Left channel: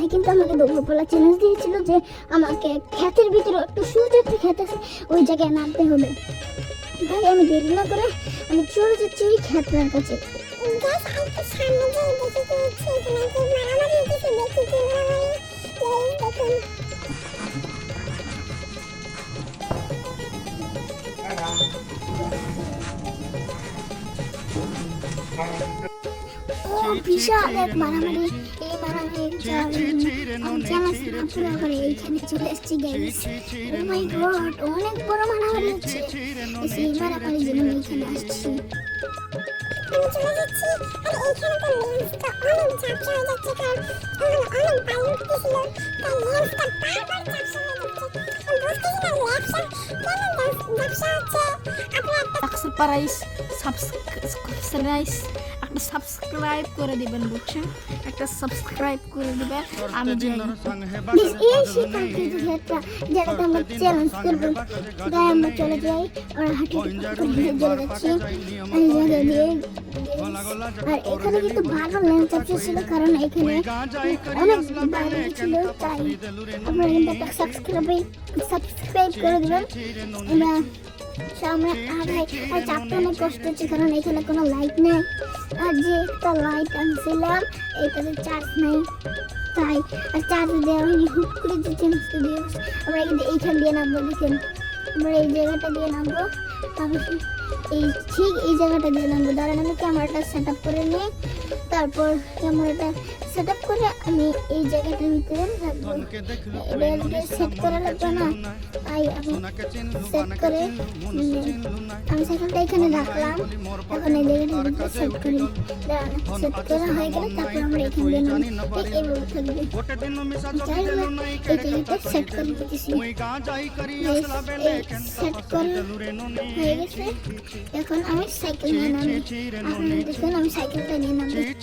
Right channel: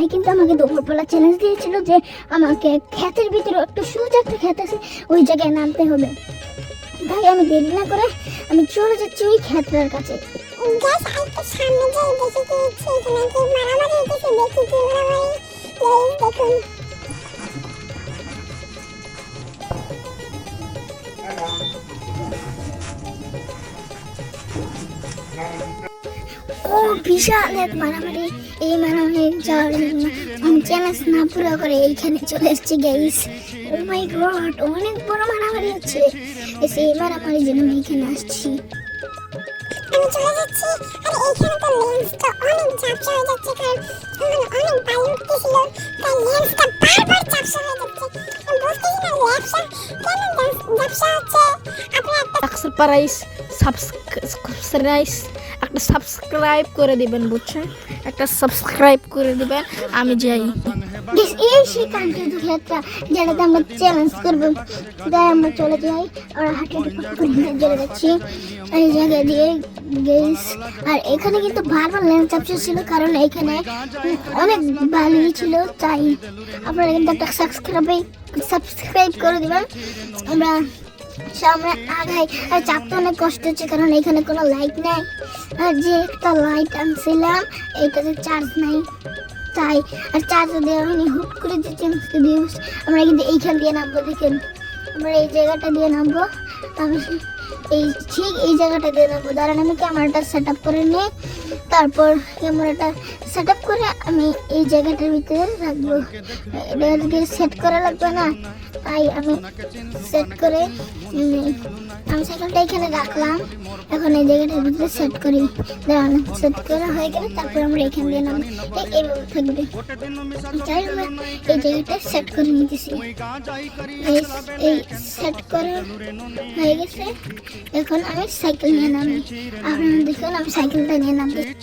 ভাই কিন্তু আমাকে দুপুরবেলা চ্যালেঞ্জ দিয়েছিল যে আমাকে ক্ষেতের ভিতরে একটু সুজ একটা ক্ষেত আছে, ওই জায়গায় নামতে হবে। তাই আমি দেরি না করে আমি চলে যাচ্ছি ওই খেতার কাছে। বিশাল এক মারামারি এই মারামারি যাওয়ার জন্য আমি চ্যালেঞ্জ না পুরো করে এইখানে চলে এসেছি গাইস ও মাই গড অনেক বড় মারামারি হচ্ছে এসে এই মারামারির জন্য এখানে আসছি আমি চলে যাচ্ছি আর এইখানে তো লেন্সটা অনেক ঝাপসা হয়ে যাচ্ছে কারণ আমার অনেক বায়ু উঠতেছিল তাই লেন্সটা বারবার ঝাপসা হয়ে যাচ্ছে আমি বুঝতেছি না লেন্সটা কেন ঝাপসা হচ্ছে আপনি একটা সাবস্ক্রাইব সাবস্ক্রাইব একটা সাবস্ক্রাইব করে দিবেন, বুঝছেন? একটা সাবস্ক্রাইব করে দিবেন, আমি যাই এই হাঁটে আর এখানে কিন্তু বারবার ল্যান্ড ছিল, কারণ এখানে অনেক বালি ছিল, তাই আপনারা কিন্তু একটা সাবস্ক্রাইব সাবস্ক্রাইব করে দেবেন। আমরা সামনে আগাই। আর চাপতে কষ্ট হচ্ছে, কারণ এখানে কোনো লাইট নাই। আর যে একটা লাইট আনছিলাম এইটাতে চার্জ নাই। তাই, আর চার্জ দেওয়ার আমি হুট করে দিই আমরা কিন্তু এইখান দিয়ে নামবো, দেখেন। আমরা এই জায়গাটা দিয়ে নামবো। আমি এই ঠিক এই জায়গাটা দিয়ে নামবো দাঁড়ান আমি ক্যামেরাটা সেট আপ করে নিই। তারপর ক্যামেরাটা সেট আপ করে আমি এই জায়গাটার ভিতরে রাখব। এটাকে সেট করা লাগবে না। তাই আমি সেট করে আমি সাইকেলটা এখানে রাখলাম। এখন এই জায়গাটার ভিতরে সেট করি। দাঁড়ান সেট করা হয়ে গেলে তারপর আমরা এখান দিয়ে এই- এইভাবে থাকবে। যাই এই জায়গাটা সেট করে নিতেছি। সেট করা হয়ে গেছে। এখন আমি সাইকেল নিয়ে নামি আপনারা দেখুন আমি সাইকেলটা নিয়ে নামি চলে